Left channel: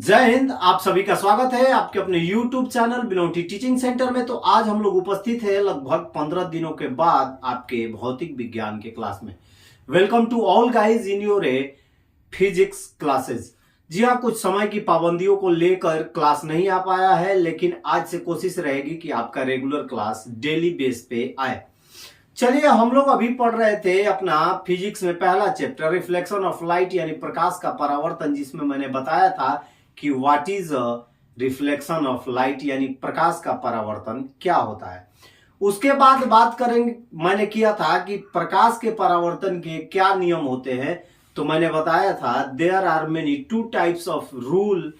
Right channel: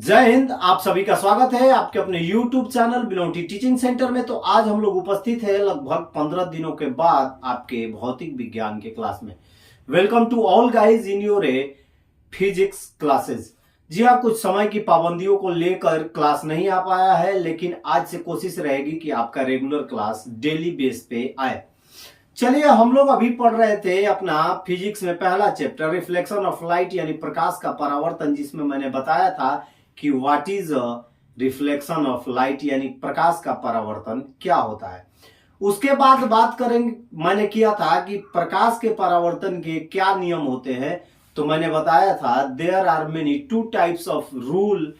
जय हिंद। आप सभी का स्वागत है आपके अपने YouTube चैनल बिलोंटी टीचिंग सेंटर में। तो आज हम लोग उपस्थित है लगभग 15 दिनों के बाद आपके भौतिक विज्ञान के क्लास में। Welcome to all guys in your physics classes. जी हाँ, कुछ समय की पाबंदियों को लेकर क्लास नहीं आ पाया है, लेकिन आज से कोशिश रहेगी कि आपका रेगुलर क्लास डेली बेस पे आए। चलिए, हम लोग अभी पढ़ रहे थे अपना फिजिक्स में पहला चैप्टर रिफ्लेक्शन ऑफ लाइट यानी प्रकाश का परावर्तन, जिसमें मैंने बताया था कि what is reflection of light यानी प्रकाश का परावर्तन क्या होता है। उसके बाद बात करेंगे, मैंने किया था कि प्रकाश के परावर्तन के क्या नियम होते हैं। तो मैंने बताया था there are many two types of rule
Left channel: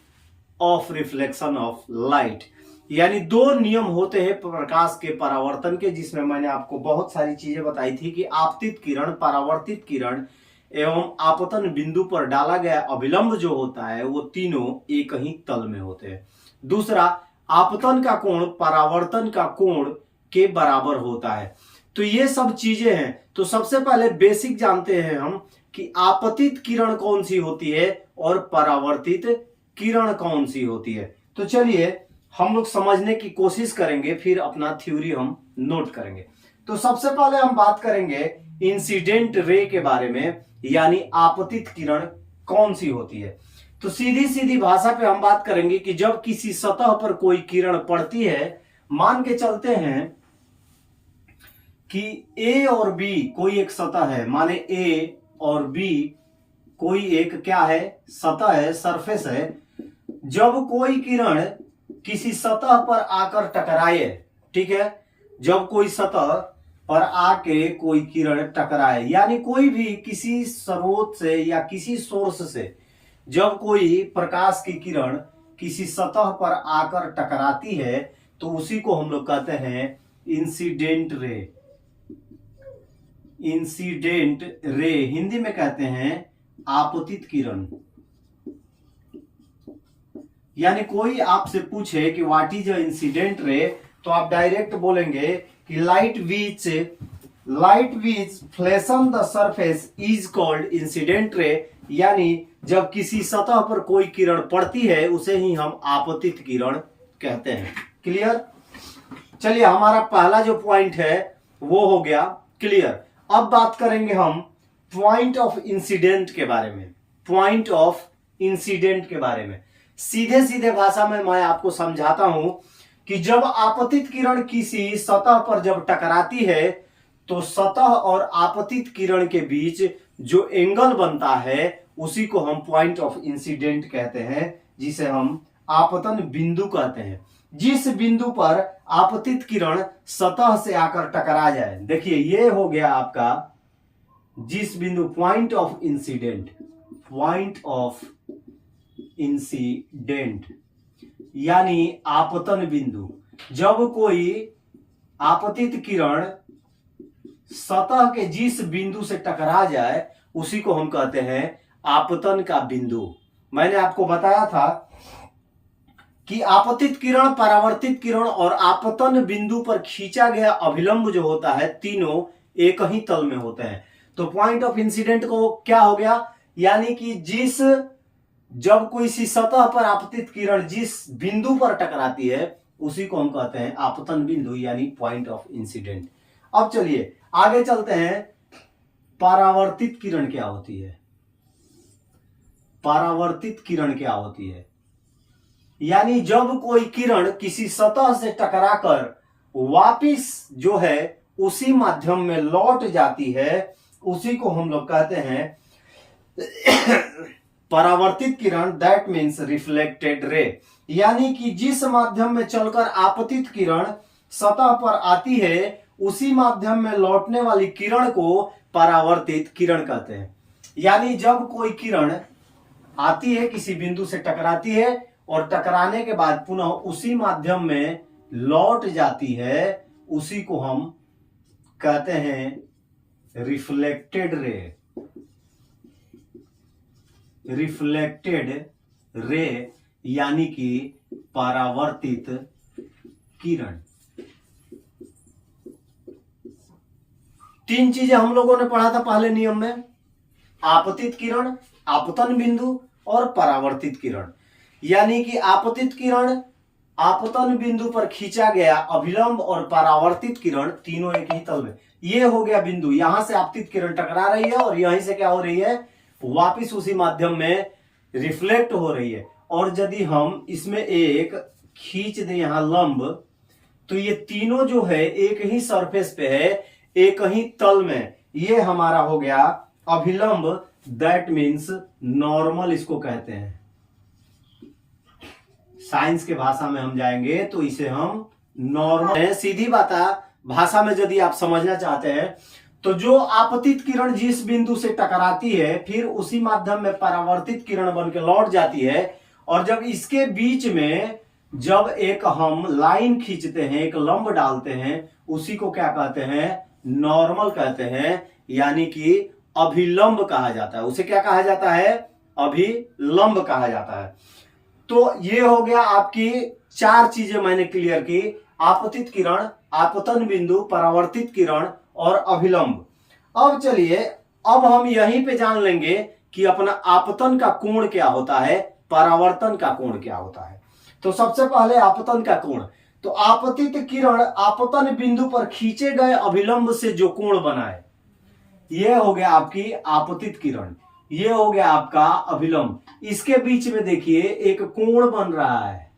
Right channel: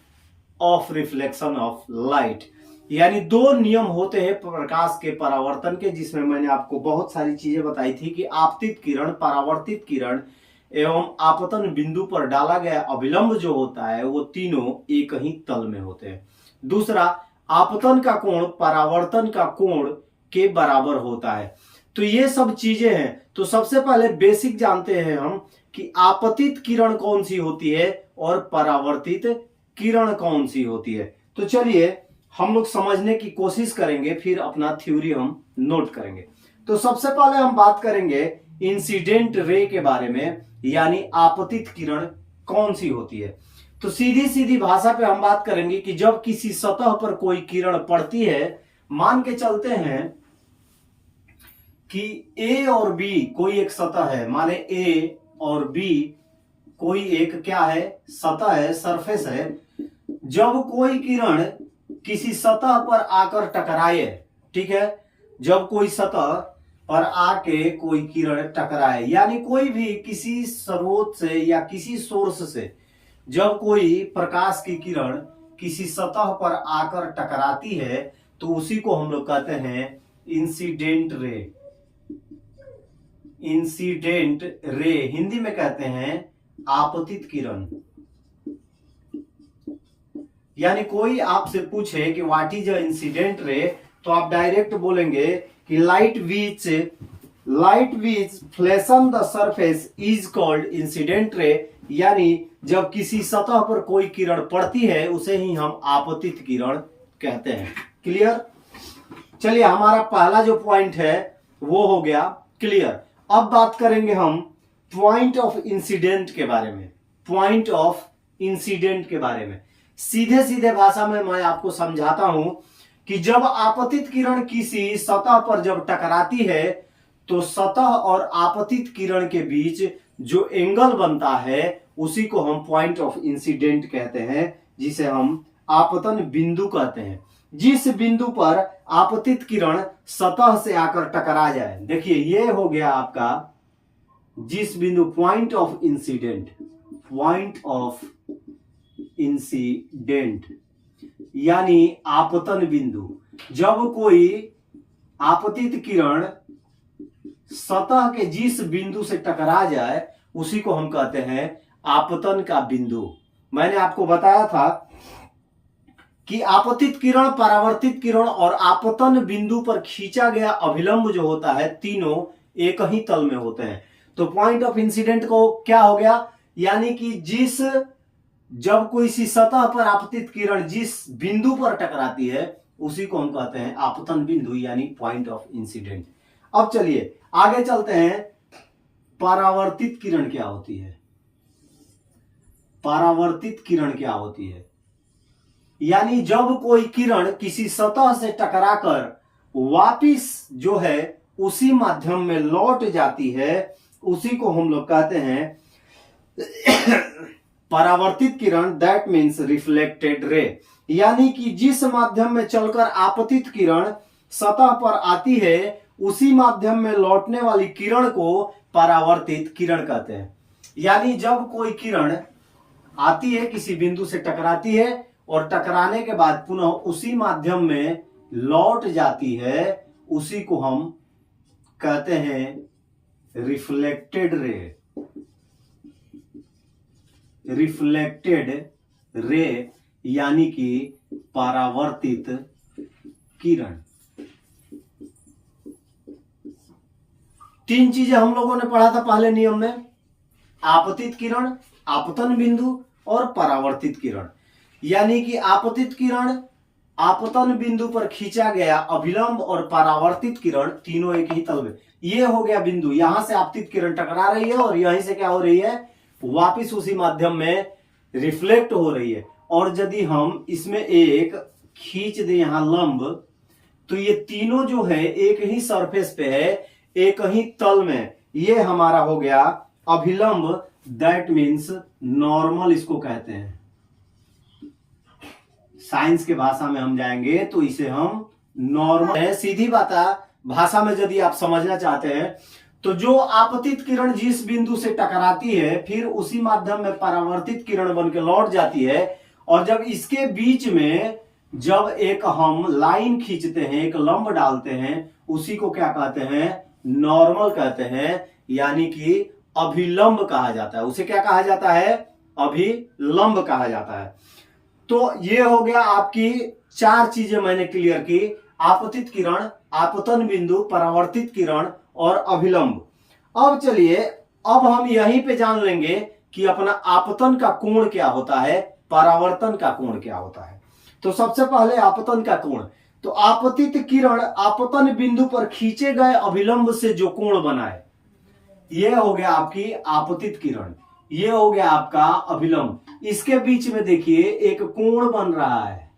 of reflection of light, यानी दो नियम होते हैं प्रकाश के परावर्तन के, जिसमें मैंने आपको बहुत सारी चीजें बताई थी कि आपतित किरण, परावर्तित किरण एवं आपतन बिंदु पर डाला गया अभिलंब जो होता है वो तीनों एक ही तल में होते हैं। दूसरा, आपतन का कोण परावर्तन का कोण के बराबर होता है। तो ये सब चीजें हैं। तो सबसे पहले बेसिक जानते हैं हम कि आपतित किरण कौन सी होती है और परावर्तित किरण कौन सी होती है। तो चलिए हम लोग समझने की कोशिश करेंगे, फिर अपना थ्योरी हम नोट करेंगे। तो सबसे पहले हम बात करेंगे इंसिडेंट रे के बारे में, यानी आपतित किरण कौन सी होती है। तो सीधी सीधी भाषा पे हम बात करेंगे कि जब किसी सतह पर कोई किरण पड़ती है, मान के चलते हैं कि ए और बी कोई एक सतह है, माने ए और बी कोई एक क्या है, सतह है, सरफेस है। जब कोई किरण किसी सतह पर आकर टकराए, ठीक है, जब कोई सतह पर आके कोई किरण टकराए, यानी कोई भी किसी स्रोत से या किसी सोर्स से जब कोई प्रकाश की किरण किसी सतह पर आकर टकराती है तो उसी को हम लोग कहते हैं incident ray. Incident ray Hindi में कहते हैं आपतित किरण। यानी कोई आपसे पूछे कि what is a incident ray, तो आप डायरेक्ट बोलेंगे कि light which flash on the surface is called incident ray. यानी जब किसी सतह पर कोई किरण पड़ती है उसे ही हम आपतित किरण कहते हैं। क्लियर? चलिए, हमारा पहला जो पॉइंट है वो हो गया क्लियर। अब बात करेंगे हम पॉइंट ऑफ इंसिडेंट के बारे में। पॉइंट ऑफ इंसिडेंट के बारे में सीधे सीधे भाषा में मैं आपको समझाता हूं कि जब आपतित किरण किसी सतह पर जब टकराती है तो सतह और आपतित किरण के बीच जो एंगल बनता है उसी को हम पॉइंट ऑफ इंसिडेंट कहते हैं, जिसे हम आपतन बिंदु कहते हैं। जिस बिंदु पर आपतित किरण सतह से आकर टकरा जाए, देखिए ये हो गया आपका जिस बिंदु, point of incident. Point of incident यानी आपतन बिंदु। जब कोई आपतित किरण सतह के जिस बिंदु से टकरा जाए उसी को हम कहते हैं आपतन का बिंदु। मैंने आपको बताया था कि आपतित किरण, परावर्तित किरण और आपतन बिंदु पर खींचा गया अभिलंब जो होता है तीनों एक ही तल में होते हैं। तो पॉइंट ऑफ इंसिडेंट को क्या हो गया, यानी कि जब कोई सी सतह पर आपतित किरण जिस बिंदु पर टकराती है उसी को हम कहते हैं आपतन बिंदु, यानी पॉइंट ऑफ इंसिडेंट। अब चलिए आगे चलते हैं। परावर्तित किरण क्या होती है? परावर्तित किरण क्या होती है, यानी जब कोई किरण किसी सतह से टकराकर वापिस जो है उसी माध्यम में लौट जाती है उसी को हम लोग कहते हैं परावर्तित किरण। That means reflected ray. यानी कि जिस माध्यम में चलकर आपतित किरण सतह पर आती है उसी माध्यम में लौटने वाली किरण को परावर्तित किरण कहते हैं। यानी जब कोई किरण आती है, किसी बिंदु से टकराती है और टकराने के बाद पुनः उसी माध्यम में लौट जाती है, उसी को हम कहते हैं रिफ्लेक्टेड रे। रिफ्लेक्टेड रे यानी कि परावर्तित किरण। तीन चीजें हम लोगों ने पढ़ा था पहले नियम में, आपतित किरण, आपतन बिंदु और परावर्तित किरण। यानी कि आपतित किरण, आपतन बिंदु पर खींचा गया अभिलंब और परावर्तित किरण तीनों एक ही तल में। ये हो गया बिंदु, यहां से आपतित किरण टकरा रही है और यहीं से क्या हो रही है, वापिस उसी माध्यम में रिफ्लेक्ट हो रही है। और यदि हम इसमें एक खींच दें यहां लंब, तो ये तीनों जो है एक ही सरफेस पे है, एक ही तल में। ये हमारा हो गया अभिलंब, दैट मीन्स नॉर्मल इसको कहते हैं। साइंस के भाषा में हम जाएंगे तो इसे हम नॉर्मल है। सीधी बात है, भाषा में यदि आप समझना चाहते हैं तो जो आपतित किरण जिस बिंदु से टकराती है, फिर उसी माध्यम में परावर्तित किरण बन के लौट जाती है। और जब इसके बीच में जब एक हम लाइन खींचते हैं, एक लंब डालते हैं, उसी को क्या कहते हैं, नॉर्मल कहते हैं, यानी कि अभिलंब कहा जाता है। उसे क्या कहा जाता है, अभिलंब कहा जाता है। तो ये हो गया आपकी 4 चीजें मैंने क्लियर की, आपतित किरण, आपतन बिंदु, परावर्तित किरण और अभिलंब। अब चलिए, अब हम यहीं पे जान लेंगे कि अपना आपतन का कोण क्या होता है, परावर्तन का कोण क्या होता है। तो सबसे पहले आपतन का कोण, तो आपतित किरण आपतन बिंदु पर खींचे गए अभिलंब से जो कोण बना है, यह हो गया आपकी आपतित किरण, ये हो गया आपका अभिलंब। इसके बीच में देखिए एक कोण बन रहा है,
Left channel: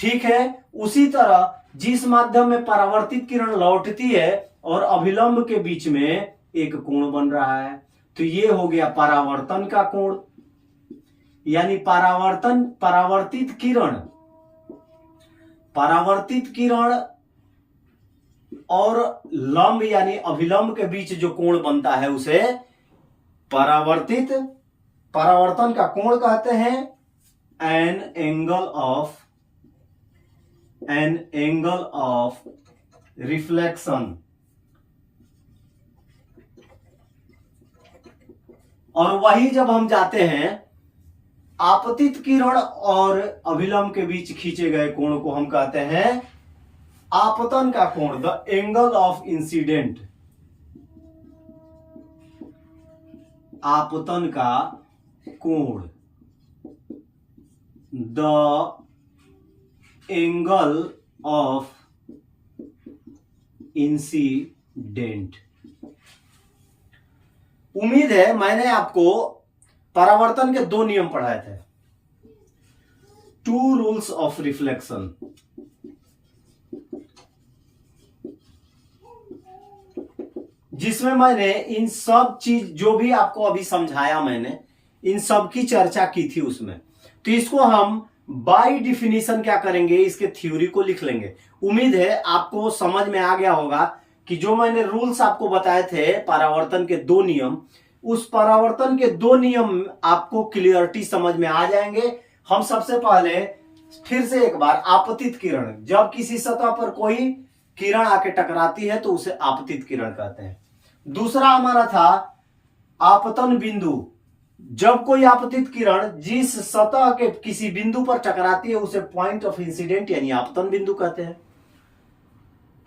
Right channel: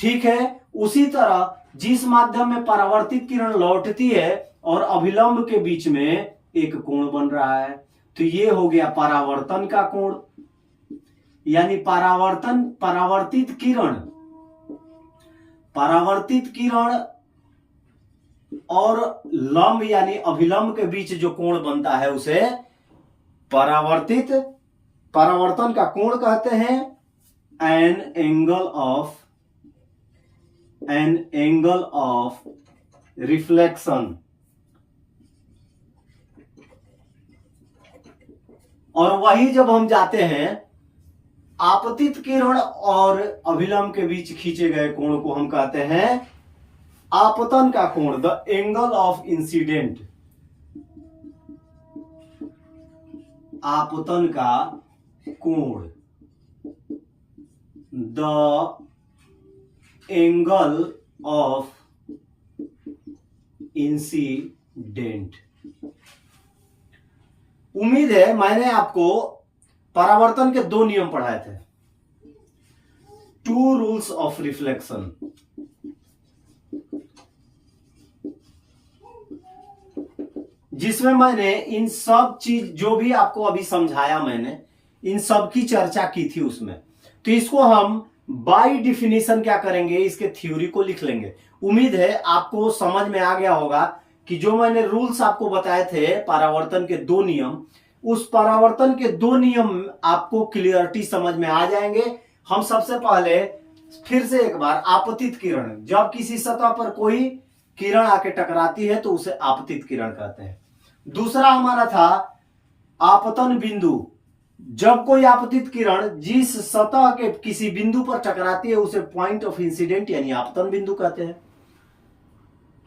ठीक है। उसी तरह जिस माध्यम में परावर्तित किरण लौटती है और अभिलंब के बीच में एक कोण बन रहा है, तो ये हो गया परावर्तन का कोण। यानी परावर्तित किरण और लंब यानी अभिलंब के बीच जो कोण बनता है उसे परावर्तन का कोण कहते हैं। An angle of reflection. और वही जब हम जाते हैं आपतित किरण और अभिलंब के बीच खींचे गए कोण को हम कहते हैं आपतन का कोण, द एंगल ऑफ इंसिडेंट। आपतन का कोण, द एंगल ऑफ इंसिडेंट। उम्मीद है मैंने आपको परावर्तन के 2 नियम पढ़ाए थे, 2 रूल्स ऑफ रिफ्लेक्शन। जिसमें मैंने इन सब चीज जो भी आपको अभी समझाया, मैंने इन सब की चर्चा की थी उसमें। तो इसको हम बाय डिफिनीशन क्या करेंगे, इसके थ्योरी को लिख लेंगे। उम्मीद है आपको समझ में आ गया होगा कि जो मैंने रूल्स आपको बताए थे परावर्तन के 2 नियम, उस परावर्तन के 2 नियम आपको क्लियरिटी समझ में आ जाएंगे। हम सबसे पहले फिर से एक बार, आपतित किरण, जब किसी सतह पर कोई किरण आके टकराती है तो उसे आपतित किरण कहते हैं। दूसरा हमारा था आपतन बिंदु, जब कोई आपतित किरण जिस सतह के किसी बिंदु पर टकराती है उसे पॉइंट ऑफ इंसिडेंट यानी आपतन बिंदु कहते हैं।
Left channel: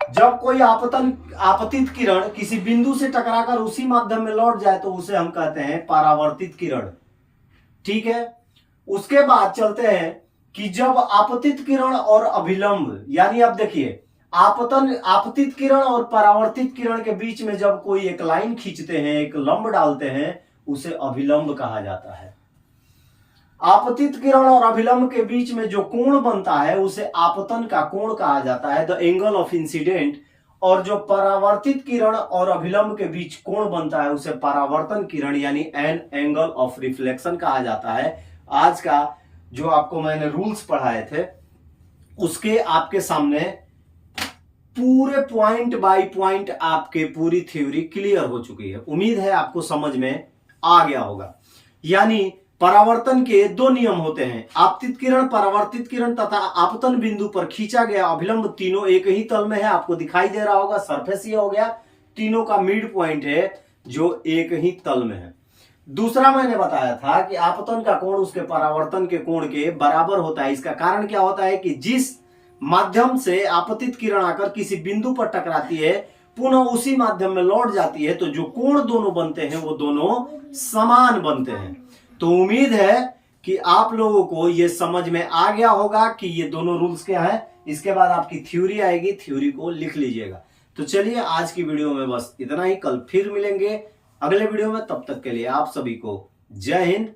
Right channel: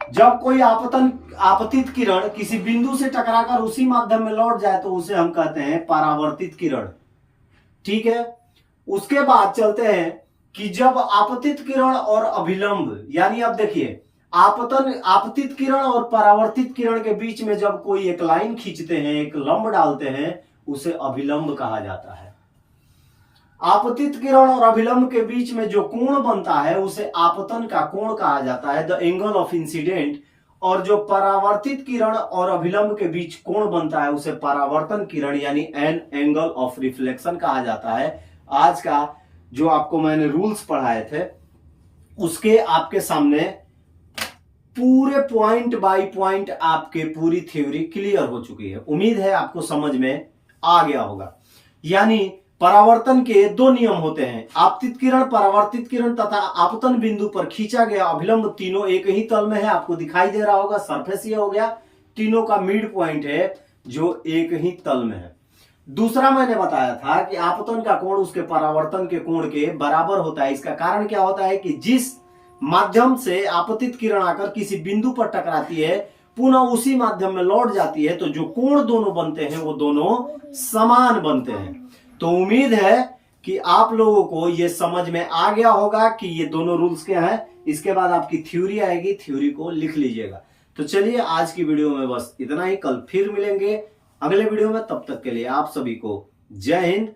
जब कोई आपतित किरण किसी बिंदु से टकराकर उसी माध्यम में लौट जाए तो उसे हम कहते हैं परावर्तित किरण, ठीक है। उसके बाद चलते हैं कि जब आपतित किरण और अभिलंब, यानी अब देखिए आपतित किरण और परावर्तित किरण के बीच में जब कोई एक लाइन खींचते हैं, एक लंब डालते हैं, उसे अभिलंब कहा जाता है। आपतित किरण और अभिलंब के बीच में जो कोण बनता है उसे आपतन का कोण कहा जाता है, द एंगल ऑफ इंसिडेंट। और जो परावर्तित किरण और अभिलंब के बीच कोण बनता है उसे परावर्तन किरण यानी एन एंगल ऑफ रिफ्लेक्शन कहा जाता है। आज का जो आपको मैंने रूल्स पढ़ाए थे उसके आपके सामने पूरे पॉइंट बाय पॉइंट आपके पूरी थ्योरी क्लियर हो चुकी है। उम्मीद है आपको समझ में आ गया होगा। यानी परावर्तन के 2 नियम होते हैं, आपतित किरण, परावर्तित किरण तथा आपतन बिंदु पर खींचा गया अभिलंब, तीनों एक ही तल में है। आपको दिखाई दे रहा होगा, सरफेस ये हो गया, तीनों का मिड पॉइंट है जो एक ही तल में है। दूसरा मैंने बताया था कि आपतन का कोण उसके परावर्तन के कोण के बराबर होता है। इसका कारण क्या होता है कि जिस माध्यम से आपतित किरण आकर किसी बिंदु पर टकराती है पुनः उसी माध्यम में लौट जाती है, तो जो कोण दोनों बनते हैं वो दोनों समान बनते हैं। तो उम्मीद है कि आप लोगों को ये समझ में आ गया होगा कि ये दोनों रूल्स क्या है। इसके बाद आपकी थ्योरी आएगी, थ्योरी को लिख लीजिएगा। तो चलिए आज की वीडियो में बस इतना ही, कल फिर मिलेंगे अगले वीडियो में। तब तक के लिए आप सभी को जय हिंद,